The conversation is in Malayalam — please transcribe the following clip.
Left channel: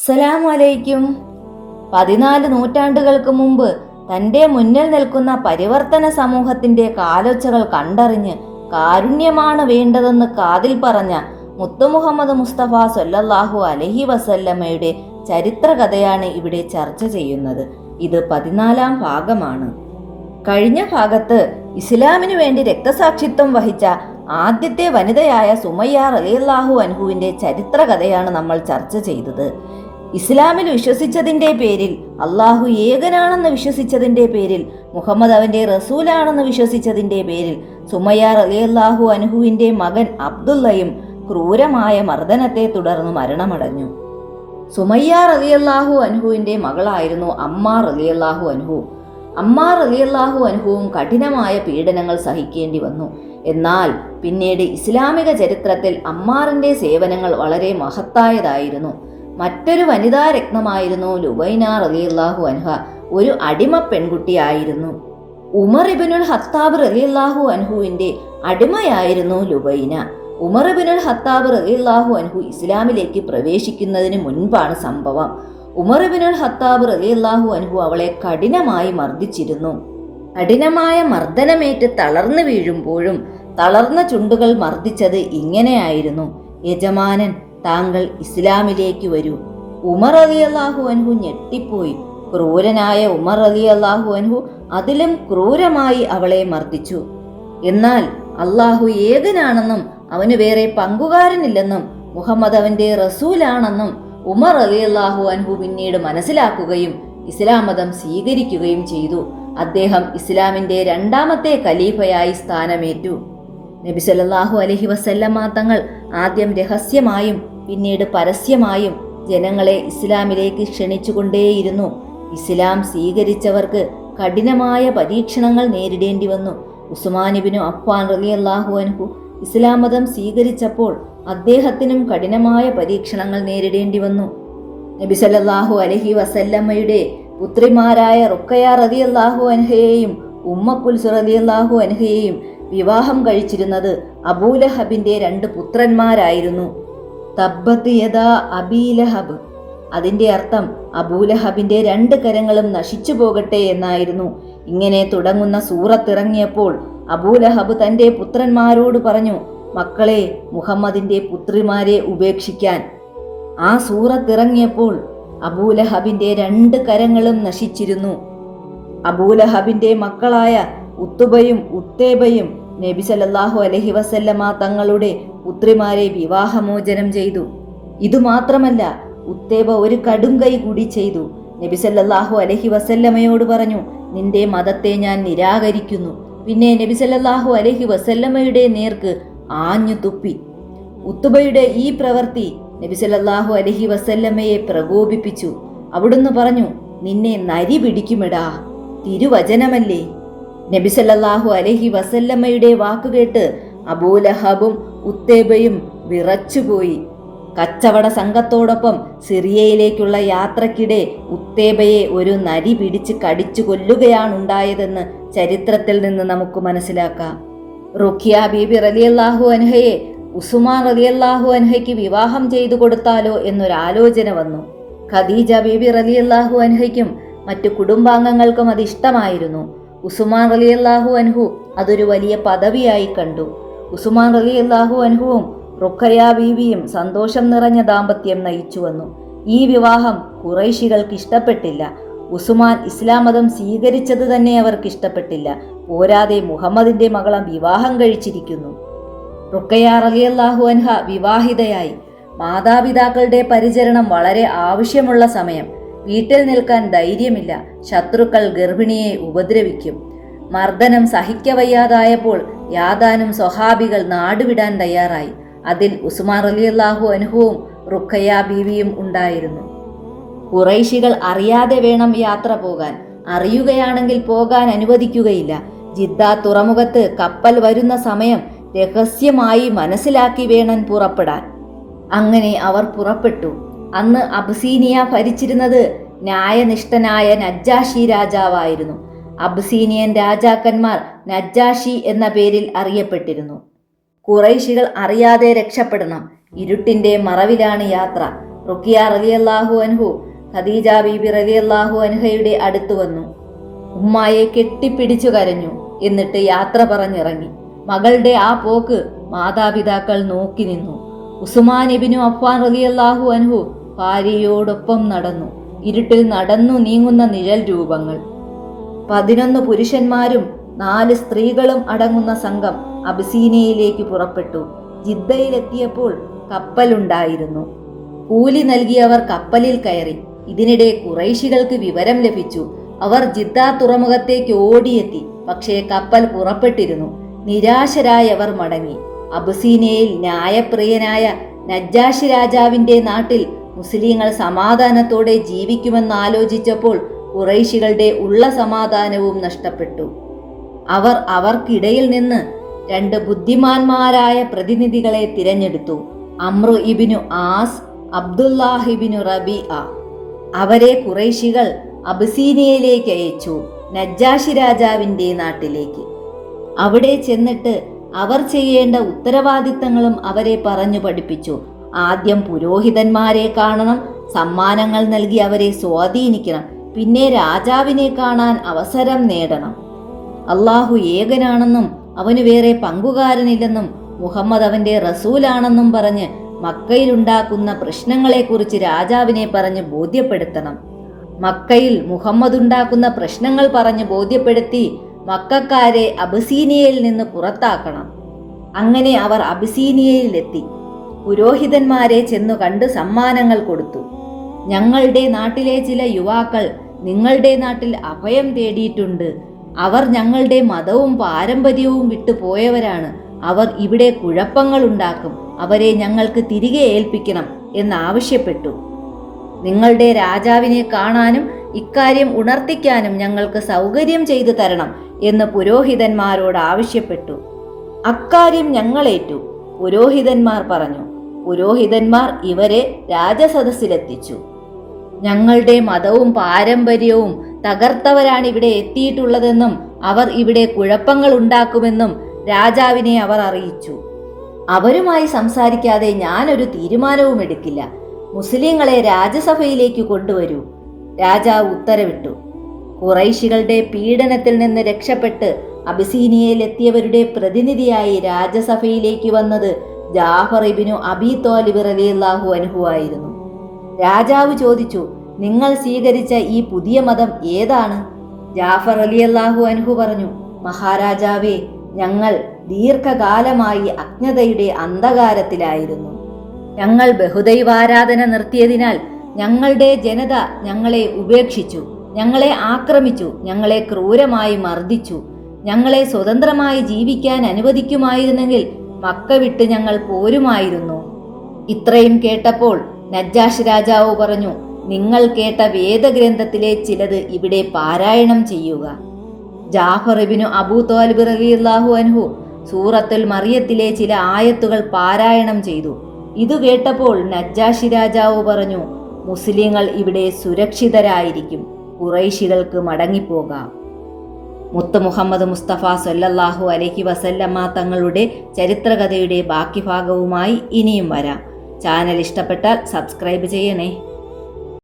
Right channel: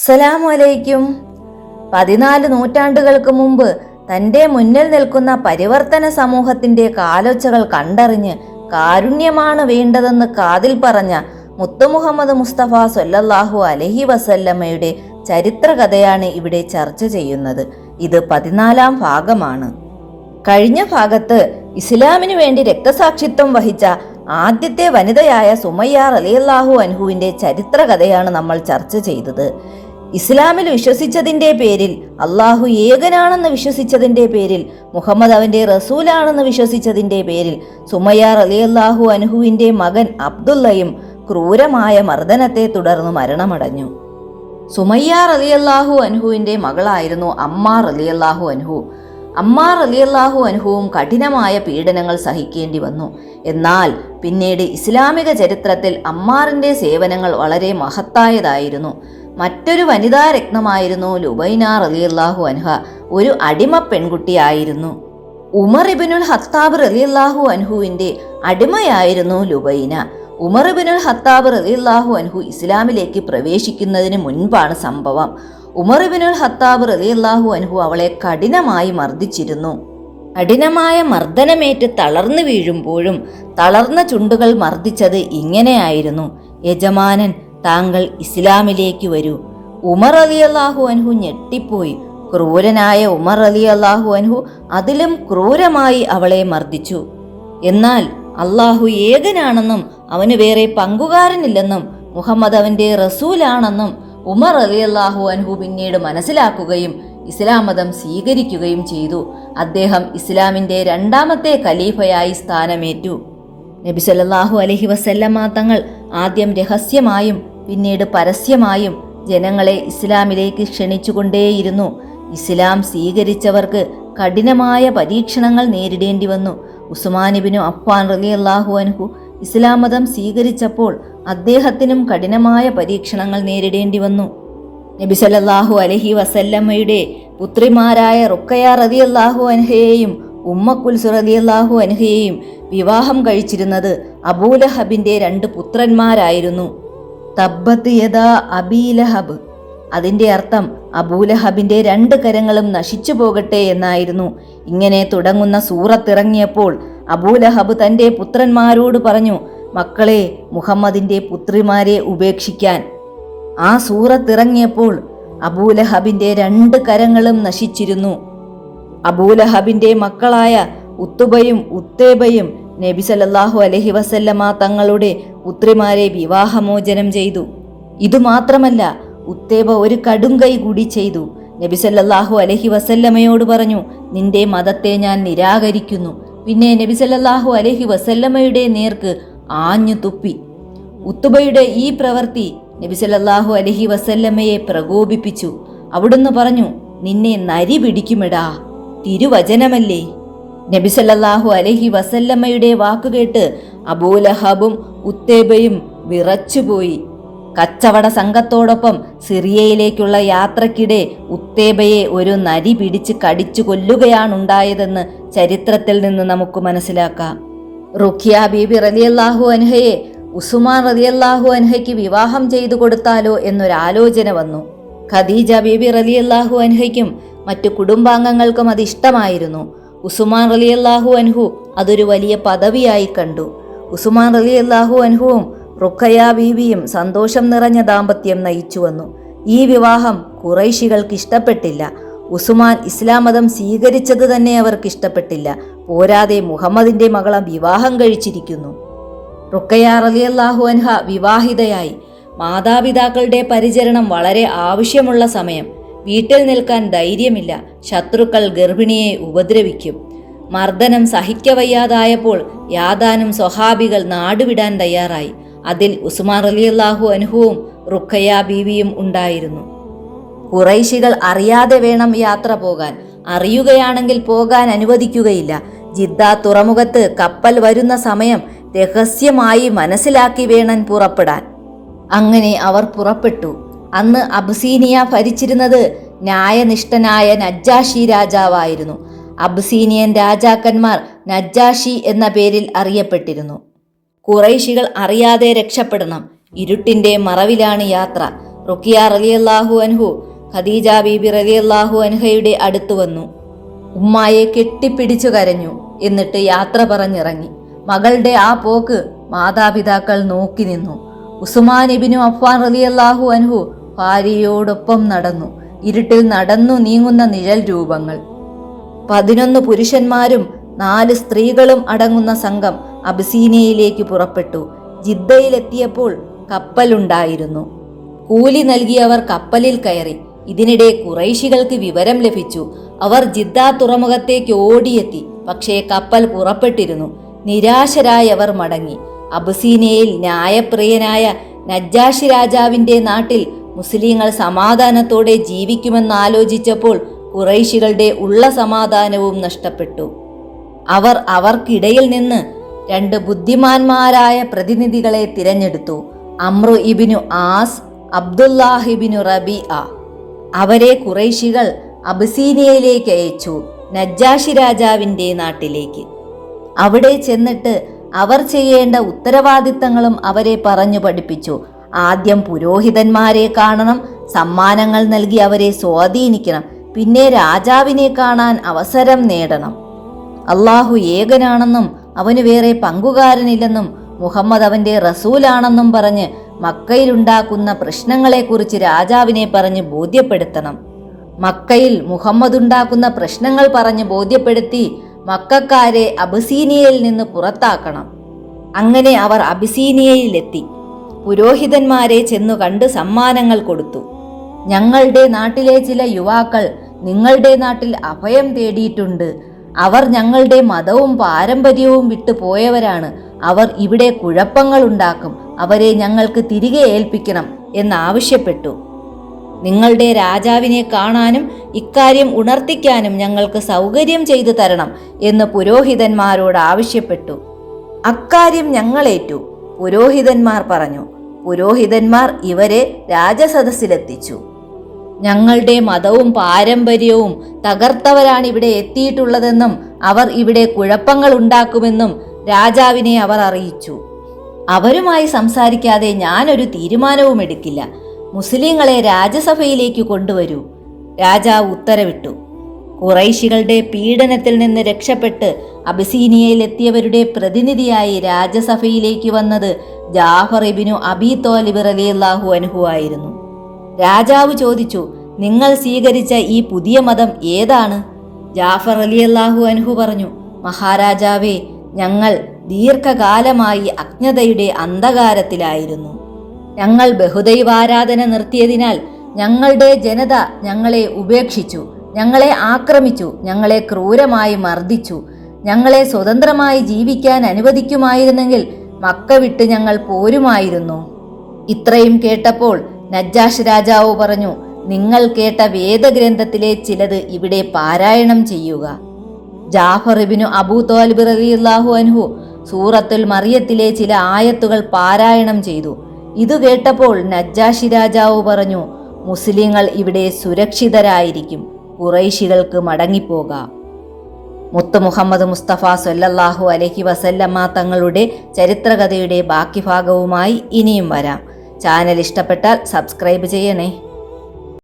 അസ്സലാമു അലൈക്കും. 14 നൂറ്റാണ്ടുകൾക്ക് മുമ്പ് തൻ്റെ മുന്നിൽ നിൽക്കുന്ന പരിവർത്തന സമൂഹത്തിന്റെ കാലൊച്ചകൾ കണ്ടറിഞ്ഞ് കാരുണ്യമാണ് വേണ്ടതെന്ന് കാതിൽ പറഞ്ഞ മുത്തു മുഹമ്മദ് മുസ്തഫ സ്വല്ലല്ലാഹു അലൈഹി വസല്ലമയുടെ ചരിത്രകഥയാണ് ഇവിടെ ചർച്ച ചെയ്യുന്നത്. ഇത് 14-ാം ഭാഗമാണ്. കഴിഞ്ഞ ഭാഗത്ത് ഇസ്ലാമിനു വേണ്ടി രക്തസാക്ഷിത്വം വഹിച്ച ആദ്യത്തെ വനിതയായ സുമയ്യ റളിയല്ലാഹു അൻഹുവിന്റെ ചരിത്രകഥയാണ് നമ്മൾ ചർച്ച ചെയ്തത്. ഇസ്ലാമിൽ വിശ്വസിച്ചതിന്റെ പേരിൽ, അള്ളാഹു ഏകനാണെന്ന് വിശ്വസിച്ചതിന്റെ പേരിൽ, മുഹമ്മദ് അവന്റെ റസൂലാണെന്ന് വിശ്വസിച്ചതിന്റെ പേരിൽ സുമയ്യ റളിയല്ലാഹു അൻഹുവിന്റെ മകൻ അബ്ദുള്ളയും ക്രൂരമായ മർദ്ദനത്തെ തുടർന്ന് മരണമടഞ്ഞു. സുമയ്യ റളിയല്ലാഹു അൻഹുവിന്റെ മകളായിരുന്നു അമ്മാർ റളിയല്ലാഹു അൻഹു. അമ്മാർ റളിയല്ലാഹു അൻഹുവും കഠിനമായ പീഡനങ്ങൾ സഹിക്കേണ്ടി വന്നു. എന്നാൽ പിന്നീട് ഇസ്ലാമിക ചരിത്രത്തിൽ അമ്മാറിന്റെ സേവനങ്ങൾ വളരെ മഹത്തായതായിരുന്നു. മറ്റൊരു വനിതാ രത്നമായിരുന്നു ലുബൈന റളിയല്ലാഹു അൻഹ. ഒരു അടിമ പെൺകുട്ടിയായിരുന്നു. ഉമർ ഇബ്നുൽ ഖത്താബ് റളിയല്ലാഹു അൻഹുവിന്റെ അടിമയായിരുന്നു ലുബൈന. ഉമർ ഇബ്നുൽ ഖത്താബ് റളിയല്ലാഹു അൻഹു ഇസ്ലാമിലേക്ക് പ്രവേശിക്കുന്നതിന് മുൻപാണ് സംഭവം. ഉമർ ഇബ്നുൽ ഖത്താബ് റളിയല്ലാഹു അൻഹു അവളെ കഠിനമായി മർദ്ദിച്ചിരുന്നു. കഠിനമായ മർദ്ദനമേറ്റ് തളർന്നു വീഴുമ്പോഴും തളർന്ന ചുണ്ടുകൾ മർദ്ദിച്ചത് ഇങ്ങനെയായിരുന്നു: യജമാനൻ, താങ്കൾ ഇസ്ലാമിലേക്ക് വരൂ. ഉമർ റളിയല്ലാഹു അൻഹു ഞെട്ടിപ്പോയി. ക്രൂരനായ ഉമർ റളിയല്ലാഹു അൻഹു അതിലും ക്രൂരമായി അവളെ മർദ്ദിച്ചു. എന്നാൽ അള്ളാഹു ഏകനാണെന്നും അവന് വേറെ പങ്കുകാരനില്ലെന്നും മുഹമ്മദ് അവന്റെ റസൂലാണെന്നും ഉമർ റളിയല്ലാഹു അൻഹു പിന്നീട് മനസ്സിലാക്കുകയും ഇസ്ലാം മതം സ്വീകരിക്കുകയും ചെയ്തു. അദ്ദേഹം ഇസ്ലാമിന്റെ 2ാമത്തെ ഖലീഫയായി സ്ഥാനമേറ്റു. നബി സല്ലല്ലാഹു അലൈഹി വസല്ലമ തങ്ങൾ ആദ്യം രഹസ്യമായും പിന്നീട് പരസ്യമായും ജനങ്ങളെ ഇസ്ലാമിലേക്ക് ക്ഷണിച്ചുകൊണ്ടേയിരുന്നു. ഇസ്ലാം സ്വീകരിച്ചവർക്ക് കഠിനമായ പരീക്ഷണങ്ങൾ നേരിടേണ്ടി വന്നു. ഉസ്മാൻ ഇബ്നു അഫ്ഫാൻ റളിയല്ലാഹു അൻഹു ഇസ്ലാം മതം സ്വീകരിച്ചപ്പോൾ അദ്ദേഹത്തിനും കഠിനമായ പരീക്ഷണങ്ങൾ നേരിടേണ്ടി വന്നു. നബി സല്ലല്ലാഹു അലൈഹി വസല്ലമയുടെ പുത്രിമാരായ റുഖയ്യ റളിയല്ലാഹു അൻഹയെയും ഉമ്മ കുൽസു റളിയല്ലാഹു അൻഹയെയും വിവാഹം കഴിച്ചിരുന്നത് അബൂലഹബിന്റെ 2 പുത്രന്മാരായിരുന്നു. തബ്ബത് യദാ അബീലഹബ്, അതിന്റെ അർത്ഥം അബൂലഹബിന്റെ 2 കരങ്ങളും നശിച്ചു പോകട്ടെ എന്നായിരുന്നു. ഇങ്ങനെ തുടങ്ങുന്ന സൂറത്തിറങ്ങിയപ്പോൾ അബൂലഹബ് തന്റെ പുത്രന്മാരോട് പറഞ്ഞു, മക്കളെ, മുഹമ്മദിന്റെ പുത്രിമാരെ ഉപേക്ഷിക്കാൻ. ആ സൂറത്തിറങ്ങിയപ്പോൾ അബൂലഹബിന്റെ 2 കരങ്ങളും നശിച്ചിരുന്നു. അബൂലഹബിന്റെ മക്കളായ ഉത്തുബയും ഉത്തേബയും നബി സല്ലല്ലാഹു അലൈഹി വസല്ലമ തങ്ങളുടെ പുത്രിമാരെ വിവാഹമോചനം ചെയ്തു. ഇതുമാത്രമല്ല, ഉത്തേബ ഒരു കടുംകൈ കൂടി ചെയ്തു. നബി സല്ലല്ലാഹു അലൈഹി വസല്ലമയോട് പറഞ്ഞു, നിന്റെ മതത്തെ ഞാൻ നിരാകരിക്കുന്നു. പിന്നെ നബി സല്ലല്ലാഹു അലൈഹി വസല്ലമയുടെ നേർക്ക് ആഞ്ഞു തുപ്പി. ഉത്തുബയുടെ ഈ പ്രവൃത്തി നബി സല്ലല്ലാഹു അലൈഹി വസല്ലമയെ പ്രകോപിപ്പിച്ചു. അവിടുന്ന് പറഞ്ഞു, നിന്നെ നരി പിടിക്കുമിടാ, തിരുവചനമല്ലേ. നബി സല്ലല്ലാഹു അലൈഹി വസല്ലമയുടെ വാക്കുകേട്ട് അബൂലഹബും ഉത്തേബയും വിറച്ചുപോയി. കച്ചവട സംഘത്തോടൊപ്പം സിറിയയിലേക്കുള്ള യാത്രക്കിടെ ഉത്തേബയെ ഒരു നരി പിടിച്ച് കടിച്ചു കൊല്ലുകയാണുണ്ടായതെന്ന് ചരിത്രത്തിൽ നിന്ന് നമുക്ക് മനസ്സിലാക്കാം. റുഖിയ ബീബി റളിയല്ലാഹു അൻഹയെ ഉസ്മാൻ റളിയല്ലാഹു അൻഹയ്ക്ക് വിവാഹം ചെയ്തു കൊടുത്താലോ എന്നൊരാലോചന വന്നു. ഖദീജ ബീബി റളിയല്ലാഹു അൻഹയ്ക്കും മറ്റു കുടുംബാംഗങ്ങൾക്കും അത് ഇഷ്ടമായിരുന്നു. ഉസ്മാൻ റളിയല്ലാഹു അൻഹു അതൊരു വലിയ പദവിയായി കണ്ടു. ഉസ്മാൻ റളിയല്ലാഹു അൻഹുവും റുഖയ്യ ബീവിയും സന്തോഷം നിറഞ്ഞ ദാമ്പത്യം നയിച്ചു വന്നു. ഈ വിവാഹം ഖുറൈശികൾക്ക് ഇഷ്ടപ്പെട്ടില്ല. ഉസ്മാൻ ഇസ്ലാം മതം സ്വീകരിച്ചത് തന്നെ അവർക്ക് ഇഷ്ടപ്പെട്ടില്ല. പോരാതെ മുഹമ്മദിന്റെ മകളെ വിവാഹം കഴിച്ചിരിക്കുന്നു. റുഖയ്യ റളിയല്ലാഹു അൻഹ വിവാഹിതയായി. മാതാപിതാക്കളുടെ പരിചരണം വളരെ ആവശ്യമുള്ള സമയം. വീട്ടിൽ നിൽക്കാൻ ധൈര്യമില്ല. ശത്രുക്കൾ ഗർഭിണിയെ ഉപദ്രവിക്കും. മർദ്ദനം സഹിക്കവയ്യാതായപ്പോൾ യാതാനും സ്വഹാബികൾ നാടുവിടാൻ തയ്യാറായി. അതിൽ ഉസ്മാൻ റളിയല്ലാഹു അൻഹുവും റുഖയ്യ ബീവിയും ഉണ്ടായിരുന്നു. ഖുറൈശികൾ അറിയാതെ വേണം യാത്ര പോകാൻ. അറിയുകയാണെങ്കിൽ പോകാൻ അനുവദിക്കുകയില്ല. ജിദ്ദ തുറമുഖത്ത് കപ്പൽ വരുന്ന സമയം രഹസ്യമായി മനസ്സിലാക്കി വേണം പുറപ്പെടാൻ. അങ്ങനെ അവർ പുറപ്പെട്ടു. അന്ന് അബ്സീനിയ ഭരിച്ചിരുന്നത് ന്യായനിഷ്ഠനായ നജ്ജാഷി രാജാവായിരുന്നു. അബ്സീനിയൻ രാജാക്കന്മാർ നജ്ജാഷി എന്ന പേരിൽ അറിയപ്പെട്ടിരുന്നു. ഖുറൈശികൾ അറിയാതെ രക്ഷപ്പെടണം. ഇരുട്ടിന്റെ മറവിലാണ് യാത്ര. റുഖിയ റളിയല്ലാഹു അൻഹു ഖദീജ ബീബി റളിയല്ലാഹു അൻഹയുടെ അടുത്തു വന്നു. ഉമ്മായെ കെട്ടിപ്പിടിച്ചു കരഞ്ഞു. എന്നിട്ട് യാത്ര പറഞ്ഞിറങ്ങി. മകളുടെ ആ പോക്ക് മാതാപിതാക്കൾ നോക്കി നിന്നു. ഉസ്മാൻ ഇബ്നു അഫ്ഫാൻ റളിയല്ലാഹു അൻഹു ഭാര്യയോടൊപ്പം നടന്നു. ഇരുട്ടിൽ നടന്നു നീങ്ങുന്ന നിഴൽ രൂപങ്ങൾ. 11 പുരുഷന്മാരും 4 സ്ത്രീകളും അടങ്ങുന്ന സംഘം അബിസീനിയയിലേക്ക് പുറപ്പെട്ടു. ജിദ്ദയിലെത്തിയപ്പോൾ കപ്പലുണ്ടായിരുന്നു. കൂലി നൽകിയവർ കപ്പലിൽ കയറി. ഇതിനിടെ ഖുറൈശികൾക്ക് വിവരം ലഭിച്ചു. അവർ ജിദ്ദ തുറമുഖത്തേക്ക് ഓടിയെത്തി. പക്ഷേ കപ്പൽ പുറപ്പെട്ടിരുന്നു. നിരാശരായവർ മടങ്ങി. അബിസീനിയയിൽ ന്യായപ്രിയനായ നജ്ജാശി രാജാവിന്റെ നാട്ടിൽ മുസ്ലിങ്ങൾ സമാധാനത്തോടെ ജീവിക്കുമെന്നാലോചിച്ചപ്പോൾ ഖുറൈശികളുടെ ഉള്ള സമാധാനവും നഷ്ടപ്പെട്ടു. അവർ അവർക്കിടയിൽ നിന്ന് 2 ബുദ്ധിമാന്മാരായ പ്രതിനിധികളെ തിരഞ്ഞെടുത്തു. അമ്രു ഇബ്നു ആസ്, അബ്ദുല്ലാഹ് ഇബ്നു റബീഅ. അവരെ ഖുറൈശികൾ അബിസീനിയയിലേക്ക് അയച്ചു, നജ്ജാശി രാജാവിന്റെ നാട്ടിലേക്ക്. അവിടെ ചെന്നിട്ട് അവർ ചെയ്യേണ്ട ഉത്തരവാദിത്തങ്ങളും അവരെ പറഞ്ഞു പഠിപ്പിച്ചു. ആദ്യം പുരോഹിതന്മാരെ കാണണം, സമ്മാനങ്ങൾ നൽകി അവരെ സ്വാധീനിക്കണം, പിന്നെ രാജാവിനെ കാണാൻ അവസരം നേടണം. അള്ളാഹു ഏകനാണെന്നും അവന് വേറെ പങ്കുകാരനില്ലെന്നും മുഹമ്മദ് അവന്റെ റസൂലാണെന്നും പറഞ്ഞ് മക്കയിലുണ്ടാക്കുന്ന പ്രശ്നങ്ങളെക്കുറിച്ച് രാജാവിനെ പറഞ്ഞ് ബോധ്യപ്പെടുത്തണം. മക്കയിൽ മുഹമ്മദ് ഉണ്ടാക്കുന്ന പ്രശ്നങ്ങൾ പറഞ്ഞ് ബോധ്യപ്പെടുത്തി മക്കക്കാരെ അബിസീനിയയിൽ നിന്ന് പുറത്താക്കണം. അങ്ങനെ അവർ അബിസീനിയയിലെത്തി. പുരോഹിതന്മാരെ ചെന്നു കണ്ട് സമ്മാനങ്ങൾ കൊടുത്തു. ഞങ്ങളുടെ നാട്ടിലെ ചില യുവാക്കൾ നിങ്ങളുടെ നാട്ടിൽ അഭയം തേടിയിട്ടുണ്ട്. അവർ ഞങ്ങളുടെ മതവും പാരമ്പര്യവും വിട്ടു പോയവരാണ്. അവർ ഇവിടെ കുഴപ്പങ്ങൾ ഉണ്ടാക്കും. അവരെ ഞങ്ങൾക്ക് തിരികെ ഏൽപ്പിക്കണം എന്നാവശ്യപ്പെട്ടു. നിങ്ങളുടെ രാജാവിനെ കാണാനും ഇക്കാര്യം ഉണർത്തിക്കാനും ഞങ്ങൾക്ക് സൗകര്യം ചെയ്തു തരണം എന്ന് പുരോഹിതന്മാരോട് ആവശ്യപ്പെട്ടു. അക്കാര്യം ഞങ്ങളേറ്റു, പുരോഹിതന്മാർ പറഞ്ഞു. പുരോഹിതന്മാർ ഇവരെ രാജസദസ്സിലെത്തിച്ചു. ഞങ്ങളുടെ മതവും പാരമ്പര്യവും തകർത്തവരാണ് ഇവിടെ എത്തിയിട്ടുള്ളതെന്നും അവർ ഇവിടെ കുഴപ്പങ്ങൾ ഉണ്ടാക്കുമെന്നും രാജാവിനെ അവർ അറിയിച്ചു. അവരുമായി സംസാരിക്കാതെ ഞാനൊരു തീരുമാനവും എടുക്കില്ല. മുസ്ലിങ്ങളെ രാജസഭയിലേക്ക് കൊണ്ടുവരൂ. രാജാവ് ഉത്തരവിട്ടു. ഖുറൈശികളുടെ പീഡനത്തിൽ നിന്ന് രക്ഷപ്പെട്ട് അബിസീനിയയിലെത്തിയവരുടെ പ്രതിനിധിയായി രാജസഭയിലേക്ക് വന്നത് ജാഫർ ഇബ്നു അബീ ത്വാലിബ് റളിയല്ലാഹു അൻഹു ആയിരുന്നു. രാജാവ് ചോദിച്ചു, നിങ്ങൾ സ്വീകരിച്ച ഈ പുതിയ മതം ഏതാണ്? ജാഫർ റളിയല്ലാഹു അൻഹു പറഞ്ഞു, മഹാരാജാവേ, ഞങ്ങൾ ദീർഘകാലമായി അജ്ഞതയുടെ അന്ധകാരത്തിലായിരുന്നു. ഞങ്ങൾ ബഹുദൈവാരാധന നിർത്തിയതിനാൽ ഞങ്ങളുടെ ജനത ഞങ്ങളെ ഉപേക്ഷിച്ചു, ഞങ്ങളെ ആക്രമിച്ചു, ഞങ്ങളെ ക്രൂരമായി മർദ്ദിച്ചു. ഞങ്ങളെ സ്വതന്ത്രമായി ജീവിക്കാൻ അനുവദിക്കുമായിരുന്നെങ്കിൽ മക്ക വിട്ട് ഞങ്ങൾ പോരുമായിരുന്നു. ഇത്രയും കേട്ടപ്പോൾ നജ്ജാശ് രാജാവ് പറഞ്ഞു, നിങ്ങൾ കേട്ട വേദഗ്രന്ഥത്തിലെ ചിലത് ഇവിടെ പാരായണം ചെയ്യുക. ജാഫർ ഇബ്നു അബൂ ത്വാലിബ് റളിയല്ലാഹു അൻഹു സൂറത്തുൽ മറിയത്തിലെ ചില ആയത്തുകൾ പാരായണം ചെയ്തു. ഇത് കേട്ടപ്പോൾ നജ്ജാശി രാജാവ് പറഞ്ഞു, മുസ്ലിങ്ങൾ ഇവിടെ സുരക്ഷിതരായിരിക്കും, ഖുറൈശികൾക്ക് മടങ്ങിപ്പോകാം. മുത്ത് മുഹമ്മദ് മുസ്തഫ സ്വല്ലല്ലാഹു അലൈഹി വസല്ലമ തങ്ങളുടെ ചരിത്രകഥയുടെ ബാക്കി ഭാഗവുമായി ഇനിയും വരാം. ചാനൽ ഇഷ്ടപ്പെട്ടാൽ സബ്സ്ക്രൈബ് ചെയ്യണേ.